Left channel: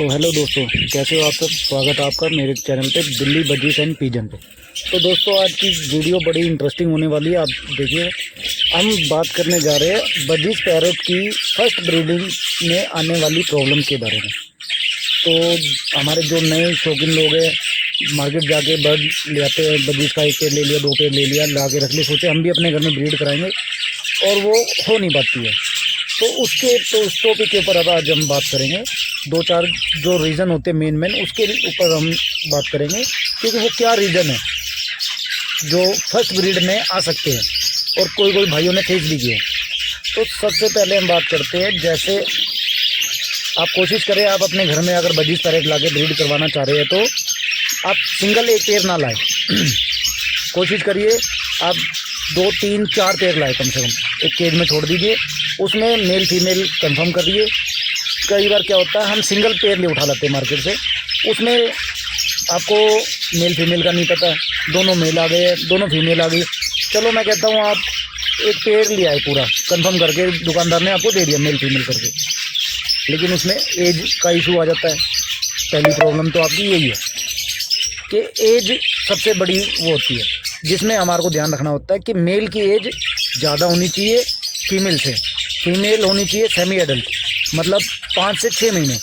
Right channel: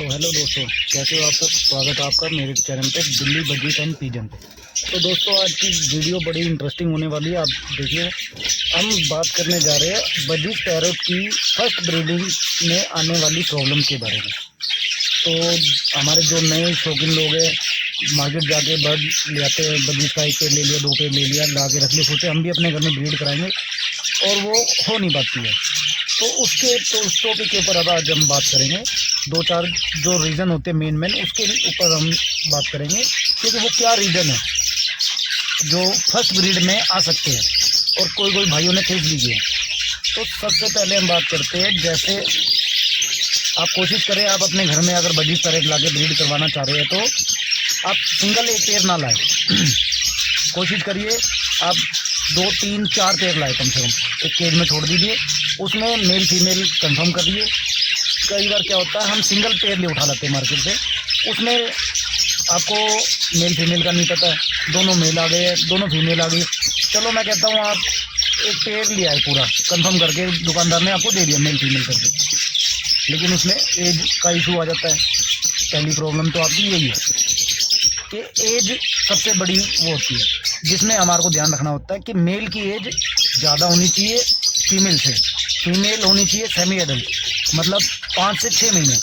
तो हेलो दोस्तों, कैसे हो आप सब। स्वागत है आपका मेरे चैनल पे दिल्ली बजीज एंड पिजन पे। तो दोस्तों, आज की वीडियो बड़ी इंटरेस्टिंग होने वाली है। आप देखिए, हम बात करने जा रहे हैं बजीज पैरोट की फर्स्ट ब्रीडिंग में आने वाली प्रॉब्लम के बारे में। तो हमारे जो नए शौकीन लोग हैं, मार्केट जाके बर्ड ले आते हैं, बजीज का एक पेड़ ले लिया, 2 पेड़ ले लिया, ला के रख लिया, सोचे हम भी अपने घर में ब्रीड कराएंगे और वो हो नहीं पाती है। तो उस टॉपिक के ऊपर अब आज हम बात करेंगे। 2-4 जो रीज़न होते हैं मेन उसके ऊपर हम बात करेंगे, क्योंकि वो क्या रीज़न है जो फर्स्ट ब्रीड में आ सकते हैं और कोई भाइयों ने फेस भी किए। तो सबसे पहले हम बात करते हैं, जैसे आप कोशिश करें, आप अपने घर में अगर बजीज पैरेट ला के ब्रीड करवाना चाह रहे हैं तो आप सिंगल एक पेड़ ना लाएं। कोशिश करिए आप 2, 3, 4 पेड़ लाए कम से कम, एक केज में छोड़ दीजिए, उसमें मेल फीमेल कंफर्म करिए। कई बार क्या होता है, हम सिंगल पेयर ले उठा लाते हैं मार्केट से, उसमें आपको मेल फीमेल का नहीं पता है, दोनों मेल आ गए, दोनों फीमेल आ गई। चलो मैं कहता हूँ आप एक पेयर ले आए पूरा कंफर्म करके, दुकानदार ने आपको दे दिया मेल फीमेल करके, लेकिन उसमें एज का इशू आ जाता है। पहली प्रॉब्लम तो आपकी यही है कि एज सबसे बड़ी वो होती है, जिसमें हमारे को ध्यान रखना होता है कि मेल की एज ज़्यादा होनी चाहिए फीमेल से, फीमेल होनी चाहिए सेमी एडल्ट, मतलब 5 से 6 महीने,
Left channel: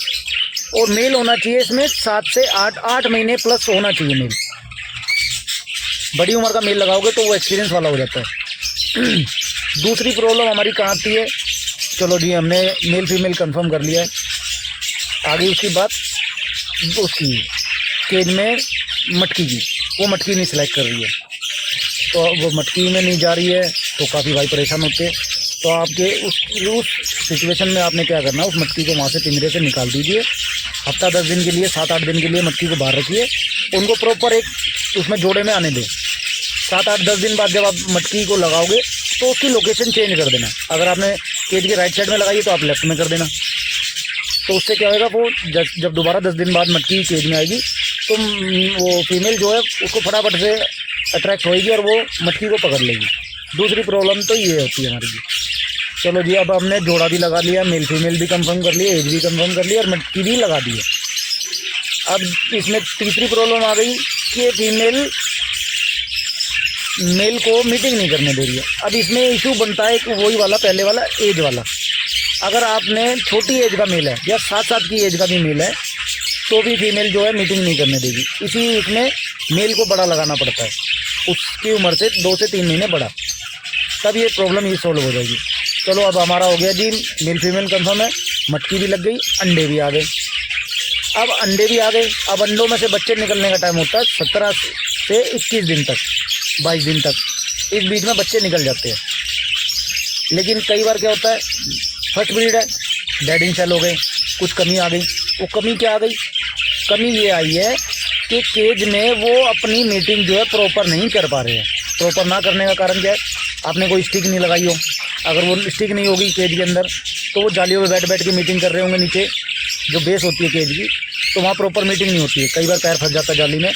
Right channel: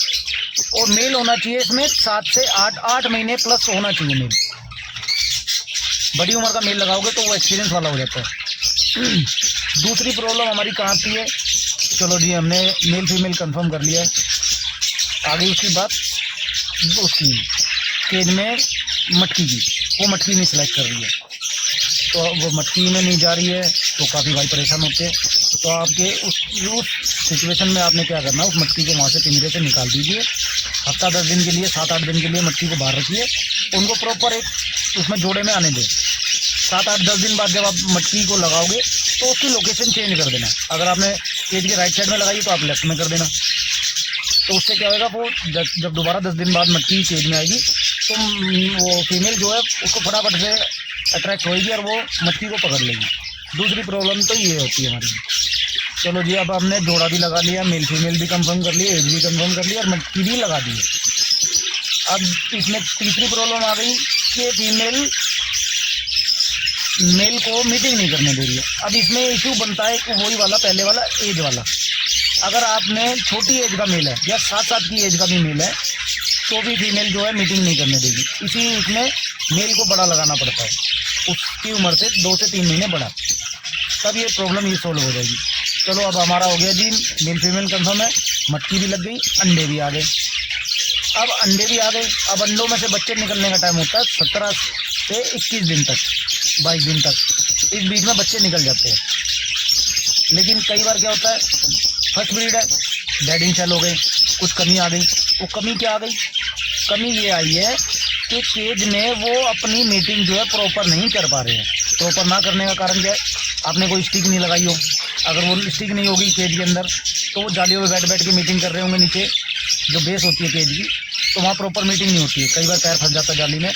और मेल होना चाहिए इसमें 7 से 8 महीने प्लस होना चाहिए मेल। बड़ी उम्र का मेल लगाओगे तो वो एक्सपीरियंस वाला हो जाता है। दूसरी प्रॉब्लम हमारी कहाँ आती है, चलो जी हमने मेल फीमेल कंफर्म कर लिया है, आगे उसकी बात उसकी केज में मटकी की, वो मटकी नहीं सिलेक्ट कर रही है, तो वो मटकी में नहीं जा रही है, तो काफ़ी भाई परेशान होते हैं। तो आपके उस सिचुएशन में आपने क्या करना, उस मटकी को वहाँ से पिंजरे से निकाल दीजिए। हफ्ता 10 दिन के लिए, 7-8 दिन के लिए मटकी को बाहर रखिए, उनको प्रॉपर एक उसमें जोड़े में आने दें। 7-8-10 दिन बाद जब आप मटकी को लगाओगे तो उसकी लोकेशन चेंज कर देना। अगर आपने केज के राइट साइड में लगाई तो आप लेफ्ट में कर देना। तो उससे क्या होगा, वो जब दोबारा 10 दिन बाद मटकी केज में आएगी तो वो फीमेल जो है उसको फटाफट से अट्रैक्ट होएगी और वो मटकी को पकड़ लेगी। दूसरी प्रॉब्लम तो ये होती है हमारी। चलो जी, अब हमने जोड़ा भी लगा लिया, मेल फीमेल भी कंफर्म कर लिया, एज भी कंफर्म कर लिया और मटकी भी लगा दी है। अब इसमें तीसरी प्रॉब्लम आ गई कि फीमेल मेल को मीटिंग नहीं करने दे रही है। अब इसमें इशू बनता है कि वही वाला पहले वाला एज वाला, अगर आपने छोटी एज का मेल है या 7 साल की एज का भी मेल है तो भी फीमेल जो है मीटिंग नहीं करने देगी। इसी उसमें मेल को बड़ा लगाना पड़ता है, उसकी उम्र से 2 से 3 महीने बड़ा, तब ये प्रॉब्लम ये सॉल्व हो जाएगी। चलो अब हमारा हो गया जी, मेल फीमेल कंफर्म है, मटकी भी लग गई, अंडे भी आ गए। अब अंडे भी आ गए, अब अंडों में से बच्चे निकलने का टाइम होता है 17 से 21 दिन तक, 22 दिन तक, इस बीच में बच्चे निकल जाते हैं। लेकिन कई बार क्या होता है, फर्स्ट ब्रीड है, डेडिंग सेल हो गए, कुछ कमी आ गई। वो कमी क्या आ गई, कमी ये आई है कि केज में वो अपनी मीटिंग जो है प्रॉपर नहीं कर पा रहे हैं। प्रॉपर ना करने का कारण क्या है, आपने कोई स्टिक नहीं लगाई हो, अगर वो स्टिक नहीं होगी केज के अंदर तो वो जालियों में बैठ के मीटिंग कर रहे होंगे, नीचे जो बेस होती है केज की, तो वहाँ प्रॉपर मीटिंग नहीं होती है। कई बार पैर फंस जाता है जाली में,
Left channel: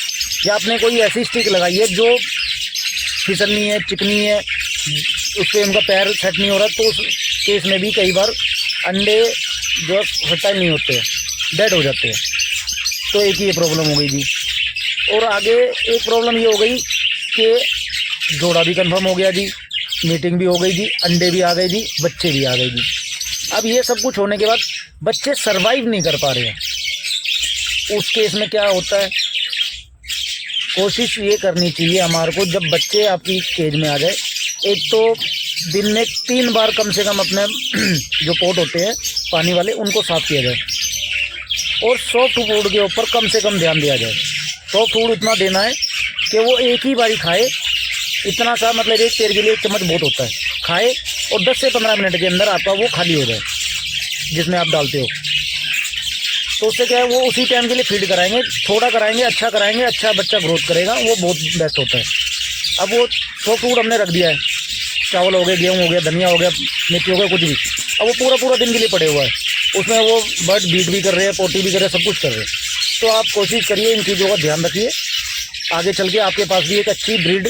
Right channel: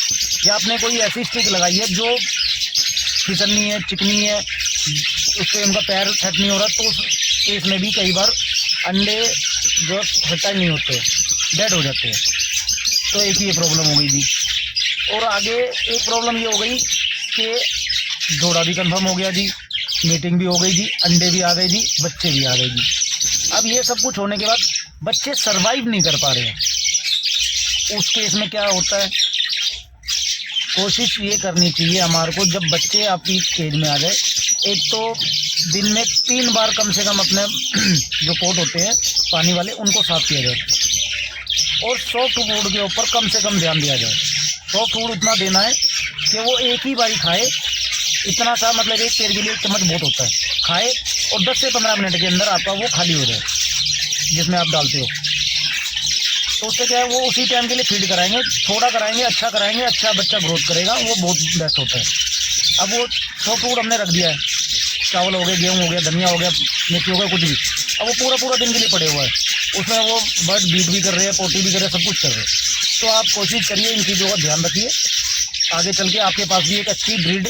या आपने कोई ऐसी स्टिक लगाई है जो फिसलनी है, चिकनी है, उस पर उनका पैर सेट नहीं हो रहा, तो उस केस में भी कई बार अंडे जो फर्टाइल नहीं होते, डेड हो जाते हैं। तो एक ही ये प्रॉब्लम हो गई जी। और आगे एक प्रॉब्लम ये हो गई कि जोड़ा भी कंफर्म हो गया जी, मीटिंग भी हो गई जी, अंडे भी आ गए जी, बच्चे भी आ गए जी। अब ये सब कुछ होने के बाद बच्चे सरवाइव नहीं कर पा रहे हैं। उस केस में क्या होता है, कोशिश ये करनी चाहिए हमारे को, जब बच्चे आपकी केज में आ जाए, एक तो दिन में 3 बार कम से कम अपने जो पोट होते हैं पानी वाले उनको साफ़ किया जाए, और सॉफ्ट फूड के ऊपर कम से कम ध्यान दिया जाए। सॉफ्ट फूड उतना देना है कि वो एक ही बारी खाए, इतना सा, मतलब एक पेड़ के लिए 1 चम्मच बहुत होता है, खाए और 10 से 15 मिनट के अंदर आपका वो खाली हो जाए जिसमें आप डालते हो। तो उससे क्या है, वो उसी टाइम के लिए फीड कराएंगे, थोड़ा कराएंगे, अच्छा बच्चा ग्रोथ करेगा, वो बहुत बेस्ट होता है। अब वो सॉफ्ट फूड हमने रख दिया है, चावल हो गए, गेहूँ हो गया, धनिया हो गया, मिर्ची हो गया, कुछ भी, अब वो पूरा दिन के लिए पड़े हुआ है, उसमें वो बर्ड बीट भी कर रहे हैं, पोटी भी कर रहे हैं, सब कुछ कर रहे हैं। तो आप कोशिश करिए, इन चीज़ों का ध्यान रखिए, आगे चल के आपके पास भी एक अच्छी ब्रीड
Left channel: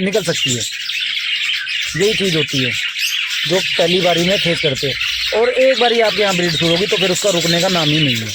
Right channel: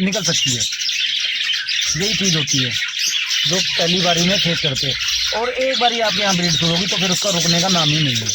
निकल सकती है। यही चीज़ होती है जो पहली बारी में फेस करते हैं, और एक बारी आपके यहाँ ब्रीड शुरू होगी तो फिर उसका रुकने का नाम ही नहीं है।